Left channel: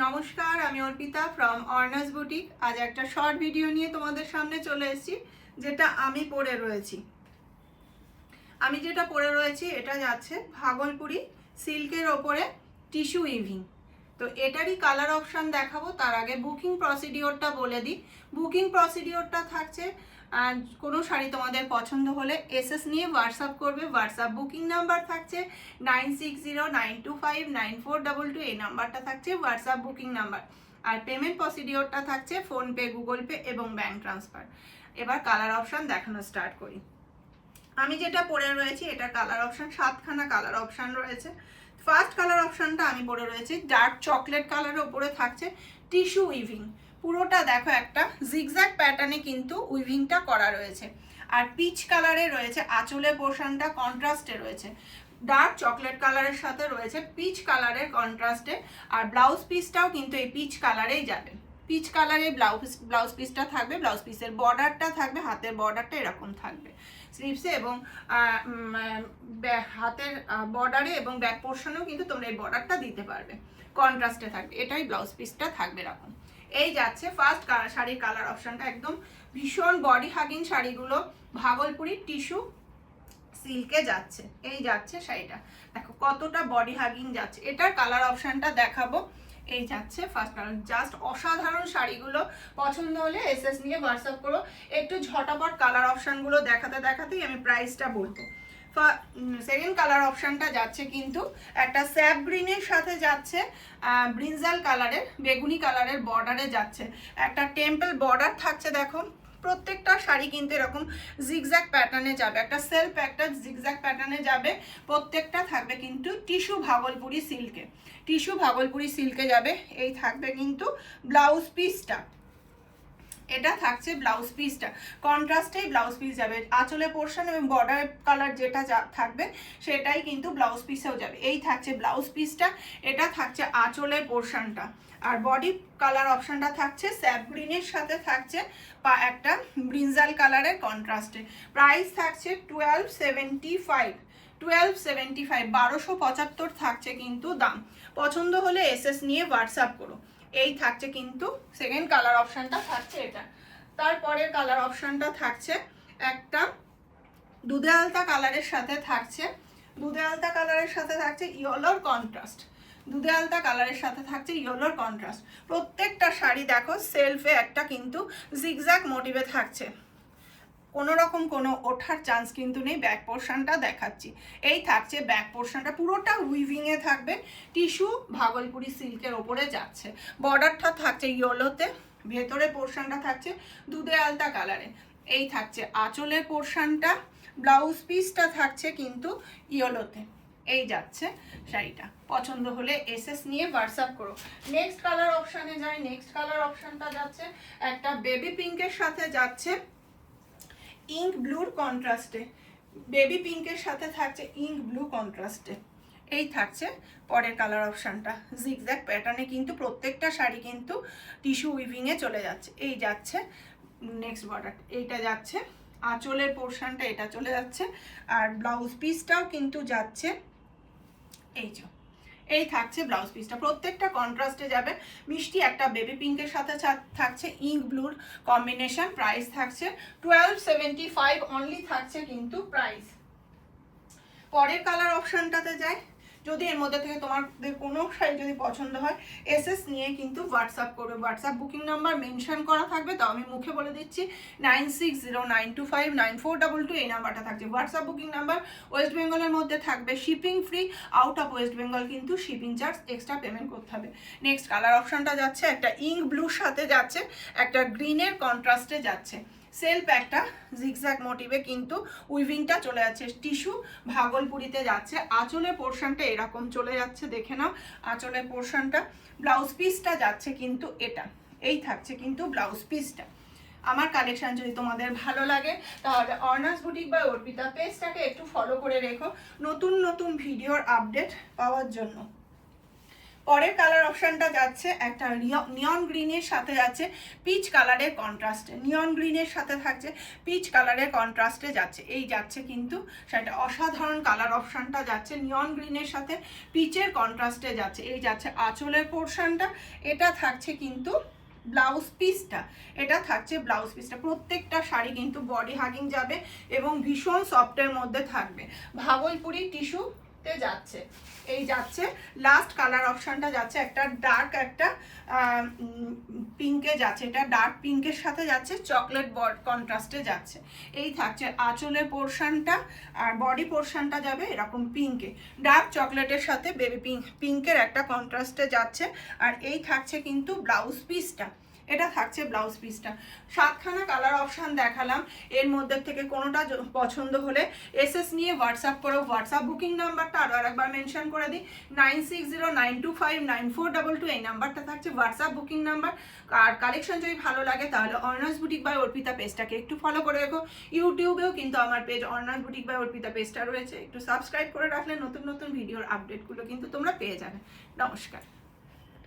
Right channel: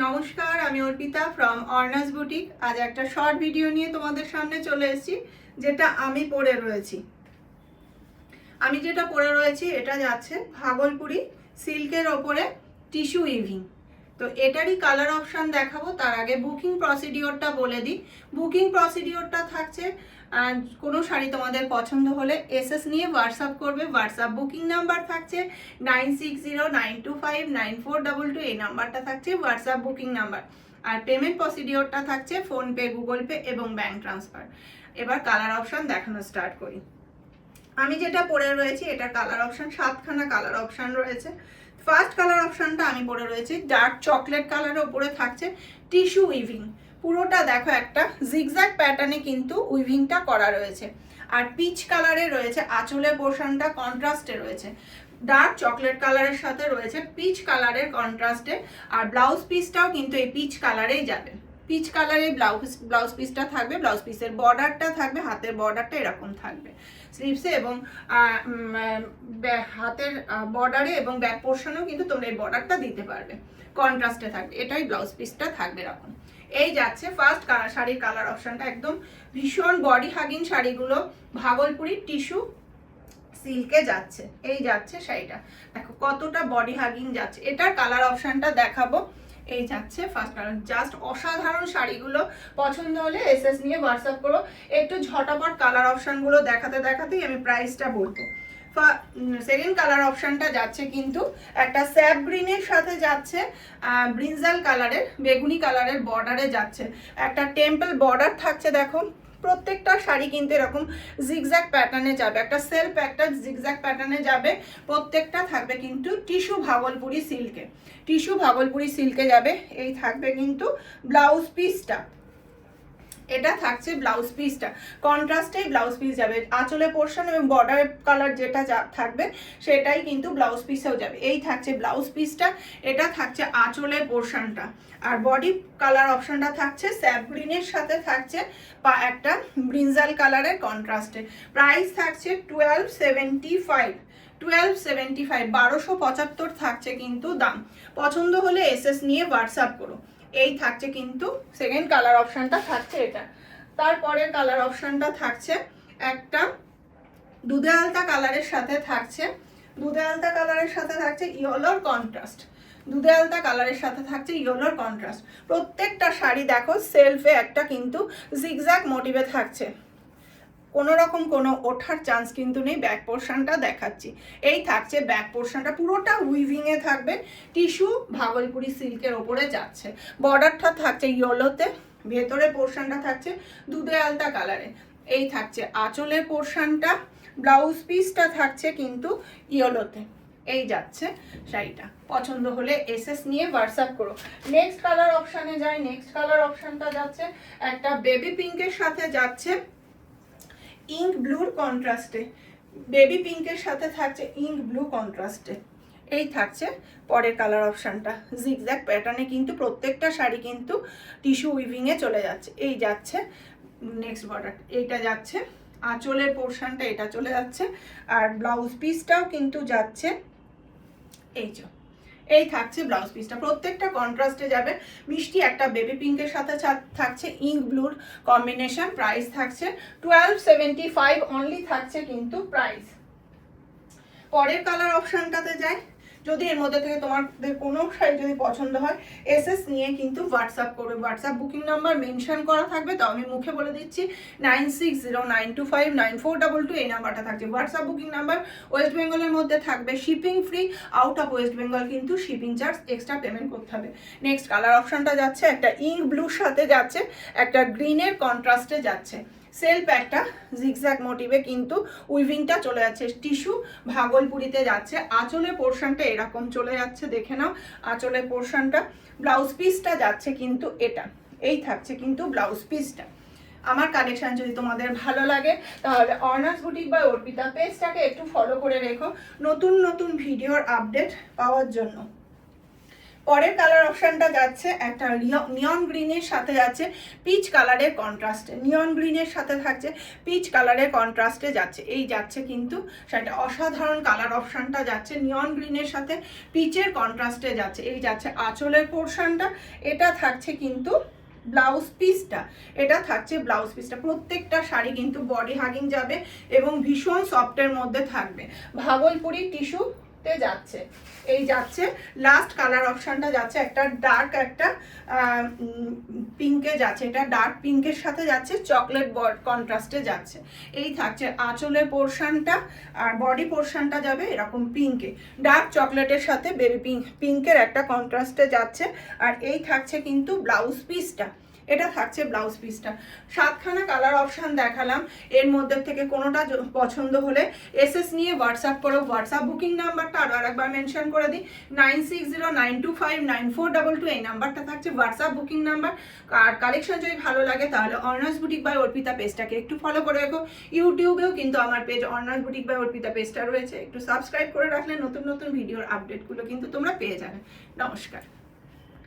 নমস্কার, আমি Arpita from অর্নাস boutique. আজ একটা শর্ট ভিডিও নিয়ে তোমাদের সামনে চলে এসেছি, যেটা আমি পরে রয়েছি। এটা যাচ্ছে ভাগলপুরি সিল্কের ওপরে টিস্যু উইভিং। তো এটারই কালার অপশান দেখাবো। তার আগে বুকিং প্রসিডিওরটা বলে দিই। বুকিং প্রসিডিওরটা থাকছে, কোনো শাড়ি তোমাদের পছন্দ হলে এসএস নিয়ে হোয়াটসঅ্যাপ করবে। হোয়াটসঅ্যাপ বুকিং নাম্বার থাকছে 9609259422। এই নাম্বারটা থাকছে হোয়াটসঅ্যাপ বুকিং নাম্বার। আর পেমেন্ট প্রসিডিওরটা থাকছে ফোনপে, গুগল পে এবং ব্যাঙ্ক ট্রান্সফার। এবার কালার অপশান দেখানো স্টার্ট করি। আমি যেটা পরে রয়েছি এটা কালার অপশান, 7খানা কালার অপশান রয়েছে। ফার্স্ট কালার অপশানটা আমি পরে রয়েছি ডার্ক চকলেট কালারের উপরে থাকছে টিস্যু উইভিং। পুরোটা দেখো একটা জিগজ্যাগ প্যাটার্নে কিন্তু উইভিংটা করা রয়েছে। আর পিচ কালারে রয়েছে আঁচলের পোর্শনটা, কন্ট্রাস্টে রয়েছে ডার্ক চকলেট কালারের সাথে রয়েছে পিচ কালারের কন্ট্রাস্টে। আর ব্লাউজ পিসটাও কিন্তু এই পিচ কালারেই যাবে। পিচ কালারে ব্লাউজ পিসটা থাকবে। ব্লাউজ পিসের বর্ডারটা থাকবে, হাতের বর্ডারটা এরকম থাকবে স্লিভসে, এবং হাতের বর্ডারে এবং ব্যাক পোর্শনেও কিন্তু তোমরা এই বর্ডারটা দিতে পারবে, কন্ট্রাস্টে থাকবে। এটাই ব্লাউজ পিসটা থাকবে এরকম। এই যাচ্ছে ফার্স্ট শাড়ির কালার অপশনটা। একদম ভীষণ বডি হাগিং শাড়িগুলো ভাগলপুরি টিস্যু সিল্কে যাচ্ছে। এই যাচ্ছে শাড়িটা, দেখো কতটা বডি হাগিং যাচ্ছে। এটার কালার অপশনটা দেখাবো। এই যাচ্ছে ফার্স্ট কালার, জাস্ট অসাধারণ শাড়িগুলো। পছন্দ হলে এসএস নিয়ে হোয়াটসঅ্যাপ করো। একটু ঝটাপট কালার অপশনগুলো দেখাতে দেখাতেই আমি প্রাইসটা বলবো। সেকেন্ড কালার অপশনটা যাচ্ছে কিন্তু একটা স্যাপ গ্রিনের সাথে যাচ্ছে ব্রিনজাল কালারের, বেগুনি কালারের বর্ডারে যাচ্ছে। একটা টেম্পল বর্ডার থাকছে, দেখো প্রত্যেকটা শাড়ি কিন্তু এরকম জিগজ্যাগ প্যাটার্নে যাবে, একটা সেলফ একটা জিগজ্যাগ প্যাটার্নে যাবে। প্রত্যেকটা থাকবে কিন্তু টিস্যু ভাগলপুরি সিল্কে, টিস্যু ভাগলপুরি সিল্কে যাবে। এই থাকবে কিন্তু ব্লাউজ পিসটা, এটা থাকছে ব্লাউজ পিসটা, কন্ট্রাস্টে ব্লাউজ পিস যাবে। আঁচলে পোর্শন এবং বর্ডার কালার যেটা থাকবে সেটাই কিন্তু ব্লাউজ পিসেও যাবে। এই থাকছে ব্লাউজ পিসটা, এটা থাকছে আঁচলে পোর্শনটা। আর বডি কালার অপশনটা থাকছে স্যাপ গ্রিনের সাথে থাকছে একটা ব্রিনজাল কালারের কন্ট্রাস্টে। প্রাইস থাকছে 1275, 1275 থাকছে কিন্তু দাম। পছন্দ হলে এসএস নিয়ে হোয়াটসঅ্যাপ করো। এই থাকছে কিন্তু সেকেন্ড কালার অপশনটা থাকছে এটা। তারপরের কালার অপশনটা থাকছে একটা দুধে আলতা কালারের সাথে থাকছে, দুধে আলতা কালারের সাথে থাকছে ইয়েলোর কন্ট্রাস্ট, দুধে আলতা কালারের সাথে থাকছে ইয়েলোর কন্ট্রাস্ট। প্রত্যেকটা শাড়ি দেখো সেলফে একটা কিন্তু জিগজ্যাগ মোটিভে থাকছে, কোনো রকম কোনো ওঠার চান্স কিন্তু নেই। ব্যাক পোর্শনটা দেখাচ্ছি। এই থাকছে ব্যাক পোর্শনটা, পুরোটা উইভিং এ থাকবে, টিস্যু ভাগলপুরি সিল্কের ওপরে যাচ্ছে। বর্ডারটা থাকছে ইয়েলোতে, ভেতরে পোর্শনটা থাকছে দুধে আলতা কালারে। এই থাকছে আঁচলের পোর্শনটা, ব্লাউজ পিসটা থাকছে কিন্তু ইয়েলোতে। এই যাচ্ছে শাড়িটা। পছন্দ হলে এসএস নিয়ে হোয়াটসঅ্যাপ করো। নেক্সট কালার অপশানে যাই। নেক্সট কালার অপশানটা যাচ্ছে একটা বেবি পিঙ্কের সাথে যাচ্ছে ইঙ্ক ব্লুর কন্ট্রাস্টে, বেবি পিঙ্কের সাথে থাকছে ইঙ্ক ব্লু কন্ট্রাস্টে। এই থাকছে পরের কালার অপশানটা, জিগজ্যাগ প্যাটার্নে কিন্তু প্রত্যেকটা শাড়ি কিন্তু টিস্যু উইভিং এ চলে যাচ্ছে। এই যাচ্ছে নেক্সট বর্ডার, এইটা যাচ্ছে আঁচলের পোর্শনটা, এটা চলে যাচ্ছে। আর ব্লাউজ পিসটাও কিন্তু যাচ্ছে এই যে, এই থাকছে ব্লাউজ পিসটা, প্রত্যেকটা কন্ট্রাস্টে যাবে। মিষ্টি একটা বেবি পিঙ্কের সাথে থাকছে ইঙ্ক ব্লুর কম্বিনেশন। প্রাইস থাকছে 1275 অনলি থাকছে কিন্তু প্রাইস। পরের কালার অপশনটাতে যাই। যদি এর মধ্যে থেকে তোমাদের কোনো শাড়ি যদি পছন্দ হয় এসএস নিয়ে কিন্তু হোয়াটসঅ্যাপ করবে। হোয়াটসঅ্যাপ বুকিং নাম্বার মেনশন করা থাকবে, তো আমি মুখে বলে দিচ্ছি 9609259422। এই নাম্বারটা থাকছে হোয়াটসঅ্যাপ বুকিং নাম্বার। ওয়েস্ট বেঙ্গলের মধ্যে থাকবে shipping free, out of West Bengal কিন্তু শিপিং চার্জ এক্সট্রা পেমেন্ট করতে হবে। নেক্সট কালার অপশনটা যাচ্ছে একটা ইঙ্ক ব্লুর সাথে যাচ্ছে, একটা গ্রিনের কন্ট্রাস্টে যাচ্ছে। সেলফ একটা জিগজ্যাগ মোটিভে কিন্তু উইভিংটা চলে যাচ্ছে, টিস্যু ভাগলপুরিতে যাচ্ছে। আঁচলের পোর্শনটা এরকম চলে যাচ্ছে, দেখে নাও আঁচলের পোর্শনটা। ব্লাউজ পিসটা যাচ্ছে কিন্তু এটা, এই থাকছে কিন্তু ব্লাউজ পিসটা। আমার কালেকশন যদি তোমাদের ভালো লাগে তাহলে অর্নাস বুটিক বাই অর্পিতা পেজটাকে একটু ফলো করে রেখো নতুন নতুন ভিডিওর আপডেট পাওয়ার জন্য। পরের কালার অপশনটা যাচ্ছে একটা নিয়ন গ্রিনের সাথে যাচ্ছে পিচ কালারের কন্ট্রাস্টে, নিয়ন গ্রিনের সাথে থাকছে পিচ কালারের কন্ট্রাস্টে যাচ্ছে, এই যাচ্ছে কিন্তু সেটা অসাধারণ কালার অপশনটা যাচ্ছে নিয়ন গ্রিনের সাথে পিচের কন্ট্রাস্টে যাচ্ছে, এই যাচ্ছে আঁচলের পোর্শনটা, এটা থাকছে কিন্তু ব্লাউজ পিসটা, এটা থাকছে ব্লাউজ পিসটা। প্রত্যেকটা শাড়ি কিন্তু বডি হাগিং যাবে এবং ভীষণ সফটের মধ্যে থাকবে, ভাগলপুরি টিস্যুতে যাচ্ছে। এই যাচ্ছে লাস্ট কালার অপশনটা যাচ্ছে একটা ডার্ক একটা পিঙ্কে যাচ্ছে, এটা ডার্ক পিঙ্কের সাথে যাচ্ছে চকলেট কন্ট্রাস্টে যাচ্ছে, এই থাকছে আঁচলের পোর্শনটা আর বডি পোর্শনটা যাবে এরকম পিঙ্কে, ডার্ক চকলেটের সাথে বেবি পিঙ্কের একটা কন্ট্রাস্টে যাচ্ছে। আর এই থাকছে কিন্তু ব্লাউজ পিসটা, এটা থাকছে ব্লাউজ পিসটা। 7খানা কালার অপশন দেখালাম, এর মধ্যে থেকে কোনোটা পছন্দ হলে এসএস নিয়ে হোয়াটসঅ্যাপ করো। হোয়াটসঅ্যাপ বুকিং নাম্বারটা আরও একবার মেনশন করে দিই, 9609259422, এই নাম্বারটা থাকছে হোয়াটসঅ্যাপ বুকিং নাম্বার। আর কালেকশন যদি ভালো লাগে তাহলে অর্ণাস বুটিক বাই অর্পিতা পেজটাকে একটু ফলো করে রাখো। ইউটিউবেও কিন্তু আমার পেজ অর্ণাস বুটিক বাই অর্পিতা পেজটা রয়েছে, একটু সাবস্ক্রাইব করে রাখলে নতুন নতুন ভিডিওর আপডেটগুলো কিন্তু তোমরা পেয়ে যাবে। নমস্কার।